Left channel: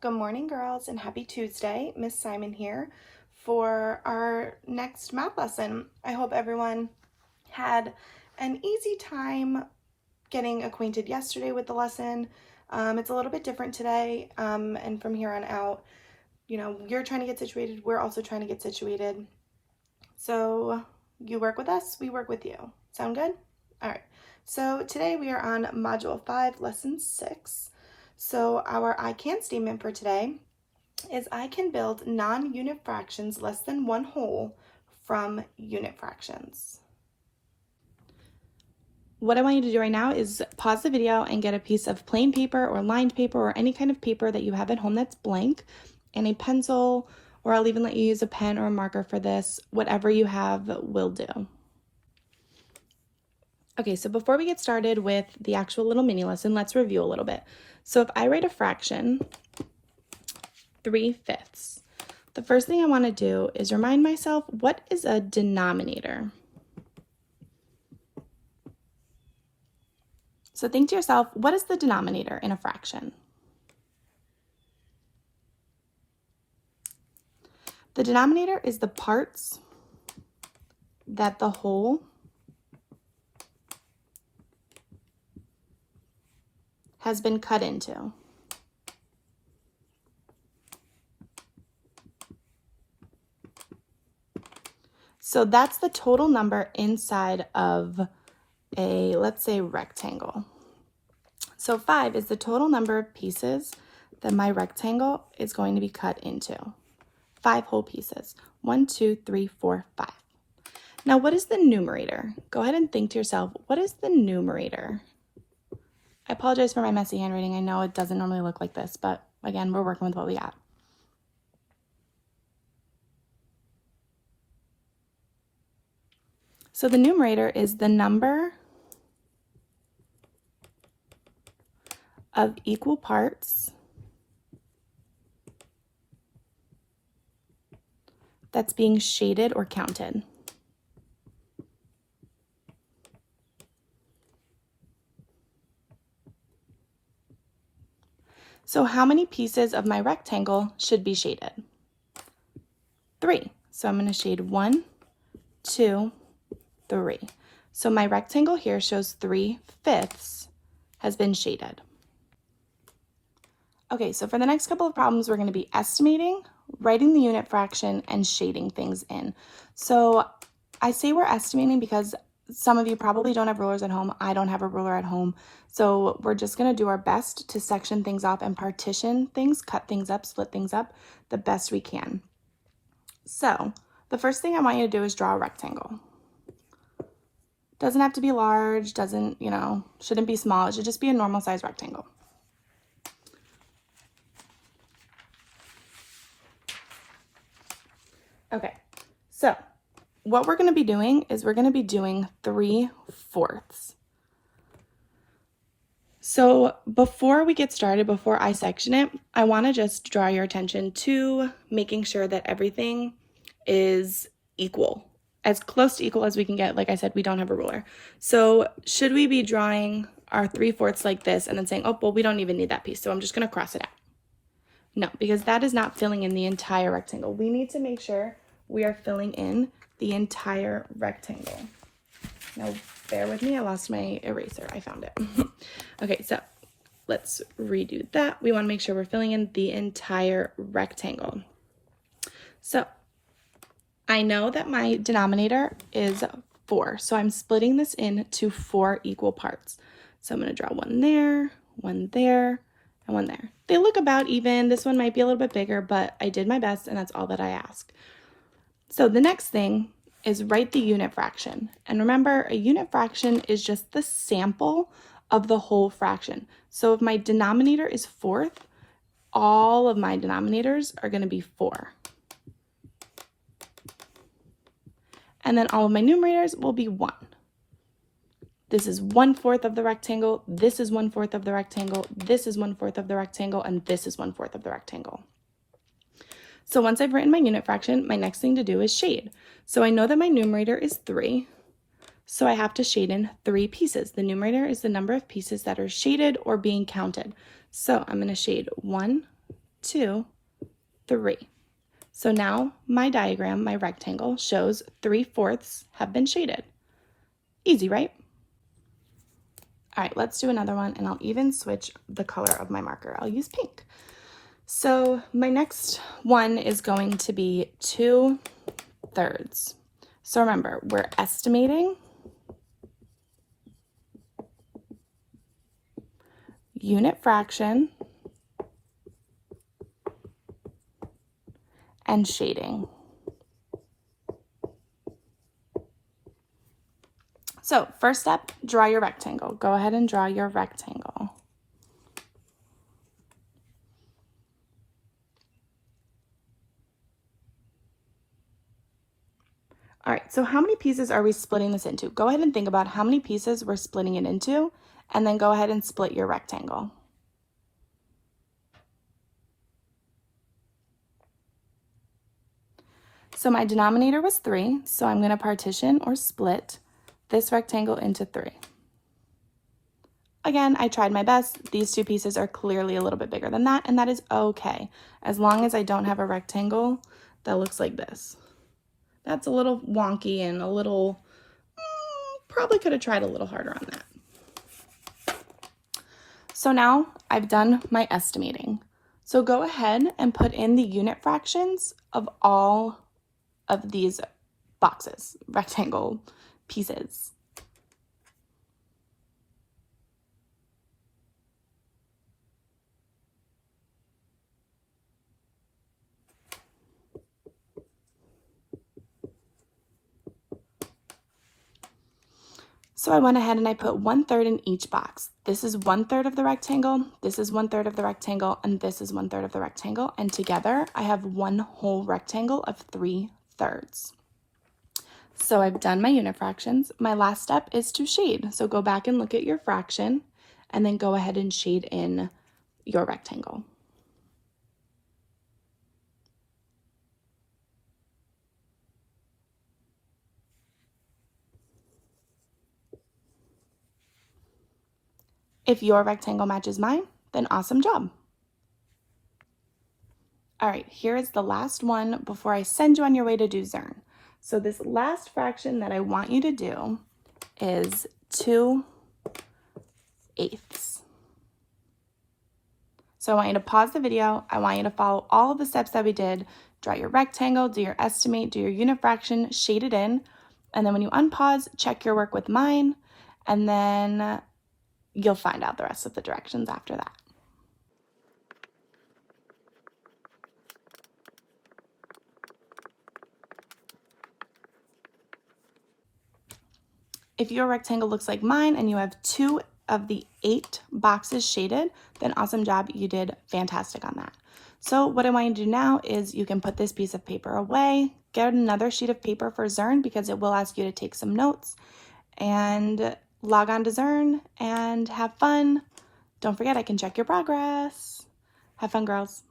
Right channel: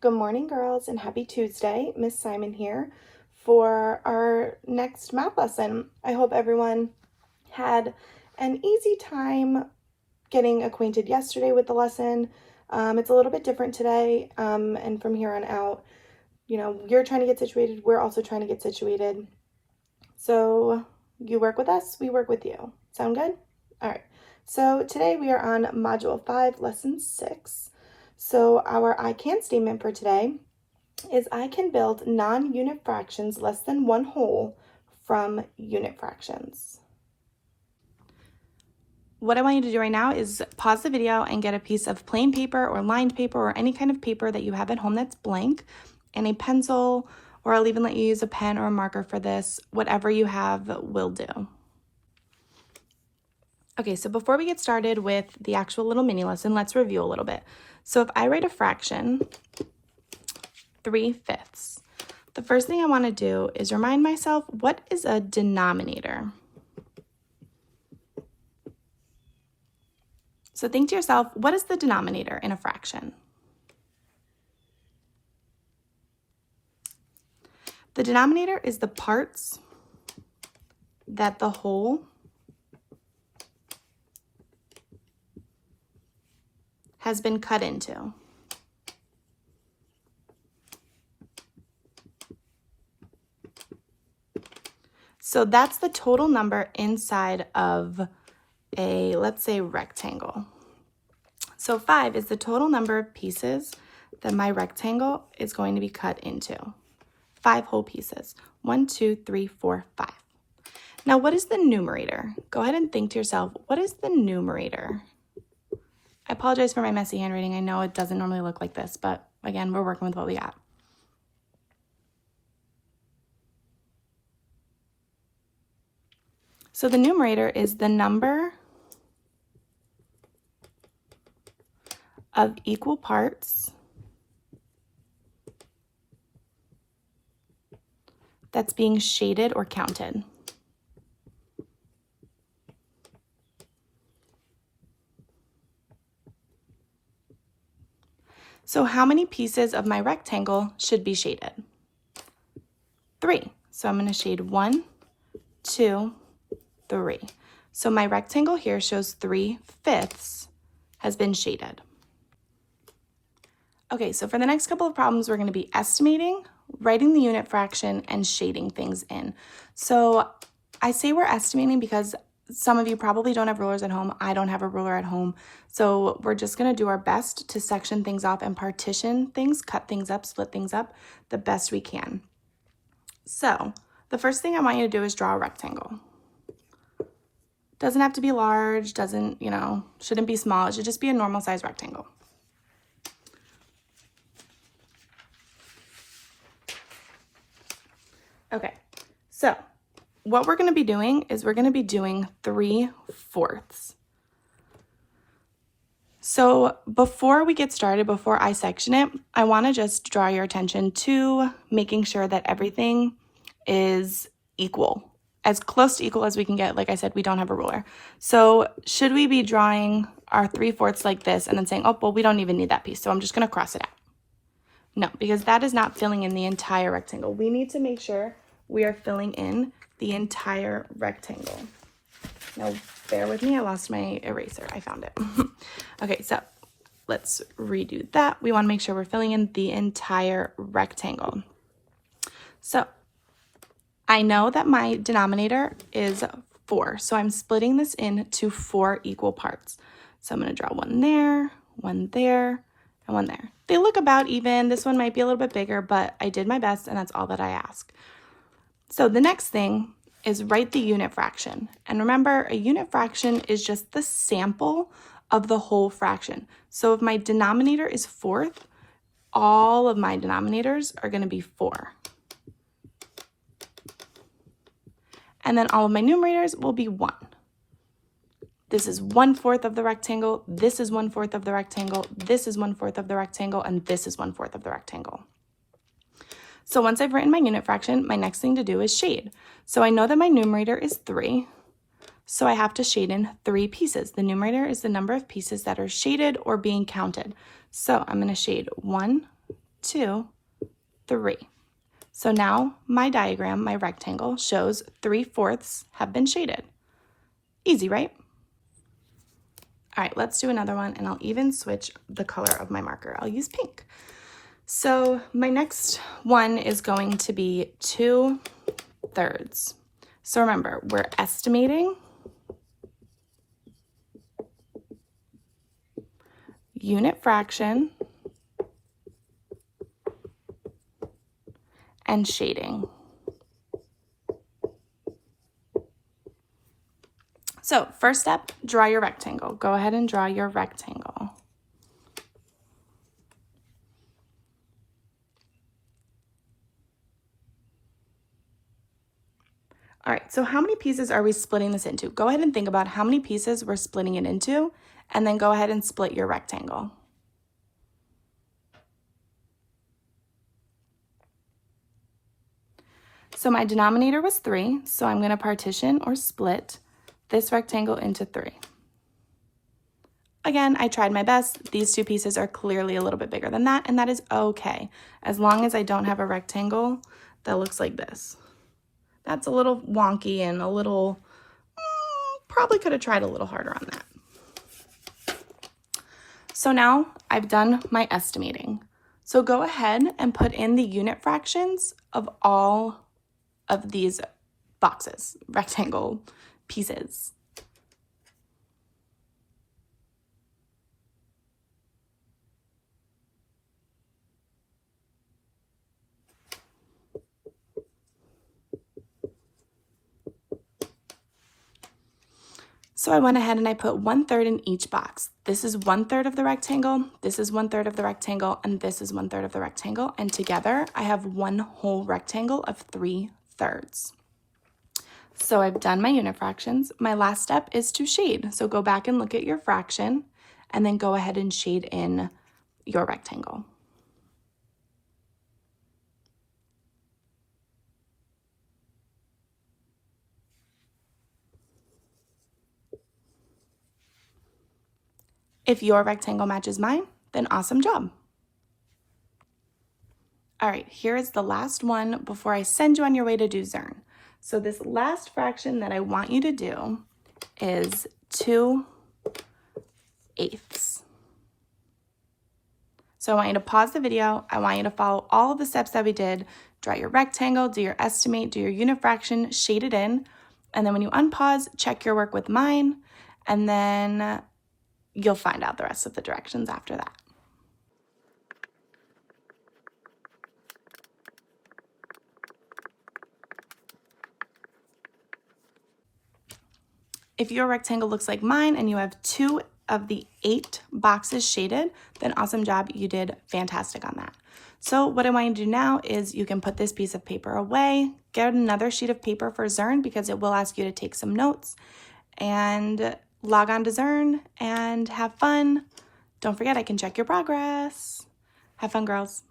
Good morning, girls, and happy Tuesday. Miss Simon here for our next math lesson. I hope everyone had an easy time getting acquainted yesterday with the lesson. It's a little bit different today, and from here on out, you're trying to get situated, we're also trying to get situated. So you work with us, we work with you. Sound good? All right. So today we are on Module 5, Lesson 6. So our I can statement for today is I can build non-unit fractions less than one whole from unit fractions. What I want you to do right now is pause the video and get a piece of plain paper or lined paper or any kind of paper that you have at home that's blank and a pencil, or I'll even let you use a pen or a marker for this. Whatever you have will do. Okay, so before we get started with the actual little mini lesson, let's review a little bit. So if I write a fraction, 3/5, the first thing I want to do is remind myself, what is a denominator? So think to yourself, what is the denominator in a fraction? The denominator is the parts that the whole has been cut into. So that's the total number inside of a, let's say, rectangle. So 5 is the total number of pieces that my rectangle is going to be cut into. 5 whole pieces. 1, 2, 3, 4, 5. Now, what is the numerator? Go ahead and think to yourself, what is the numerator? I apologize for my messy handwriting. I know it doesn't normally look like this, but again, we're working with what we got. So the numerator is the number of equal parts that's being shaded or counted. So how many pieces of my rectangle should be shaded? 3. So I'm going to shade 1, 2, 3. So my rectangle here shows 3/5 has been shaded. Okay, so for the next couple of problems, we're going to be estimating, writing the unit fraction, and shading things in. So I say we're estimating because some of you probably don't have rulers at home. I don't have a ruler at home. So we're just going to do our best to section things off and partition things, cut things up, split things up the best we can. So the first thing I want you to do is draw a rectangle. Doesn't have to be large, shouldn't be small. It should just be a normal size rectangle. Okay, so what we're going to be doing is we're going to be doing 3/4. So before we get started, before I section it, I want to just draw your attention to making sure that everything is equal, as close to equal as we can get. Like I said, we don't have a ruler. So should we be drawing our 3/4 like this and then saying, oh, well, we don't even need that piece, so I'm just going to cross it out? No, because that is not filling in the entire rectangle. We need to make sure we are filling in the entire rectangle. Now, bear with me, I lost my eraser, I found it. Okay, so let's redo that. We want to make sure we're filling in the entire rectangle. So I know that my denominator is 4, so I'm splitting this into 4 equal parts. So I'm going to draw one there, and one there. They look about even. This one might be a little bit bigger, but I did my best, and that's all that I ask. So the next thing is write the unit fraction. And remember, a unit fraction is just the sample of the whole fraction. So if my denominator is 4th, all of my denominators are going to be 4. And then all of my numerators will be 1. This is 1/4 of the rectangle, this is 1/4 of the rectangle, this is 1/4 of the rectangle, and this is 1/4 of the rectangle. So once I've written my unit fraction, my next thing to do is shade. So I know that my numerator is 3, so I have to shade in 3 pieces. The numerator is the number of pieces that are shaded or being counted. So I'm going to shade 1, 2, 3. So now my diagram, my rectangle, shows 3/4 have been shaded. Easy, right? All right, let's do another one, and I'll even switch the color of my marker. I'll use pink. So my next one is going to be 2/3. So remember, we're estimating unit fraction and shading. So first step, draw your rectangle. Go ahead and draw your rectangle. All right, so how many pieces are we splitting this into? Go ahead and think about how many pieces we're splitting it into, and then go ahead and split your rectangle. So my denominator was 3, so I'm going to partition or split this rectangle into 3. Again, I tried my best. These two pieces are clearly a little bit bigger than that, and that is okay, as long as I don't have a rectangle that looks like this. That's a little wonky and a little, probably could have tried a little harder on that. So now I've done my estimating. So go ahead and put in the unit fractions of all of these boxes, rectangle pieces. So I went ahead and I put 1/3 in each box. This is 1/3 of the rectangle, this is 1/3 of the rectangle, and this is 1/3 of the rectangle. And together I have one whole rectangle of 3/3. So I've done my unit fractions. My last step is to shade. So go back and look at your fraction and then go ahead and shade in your rectangle. If your rectangle matches mine, then awesome job. All right, here is the last one before I send you on your way to do Zern. So this last fraction that I want you to do is 2/8. So I want you to pause the video. I want you to follow all of the steps that we did. Draw your rectangle, do your estimate, do your unit fraction, shade it in. And then when you unpause, check your work with mine, and then you'll find out the rest of the directions after that. If your rectangle looks like mine and you have 2 of the 8 boxes shaded, then awesome job, you did fantastic on that. So what I want you to do now is you can put this piece of paper away, get another sheet of paper for Zern because it will ask you to take some notes, and log on to Zern and have fun. Don't forget, I can check your progress. Have fun, girls.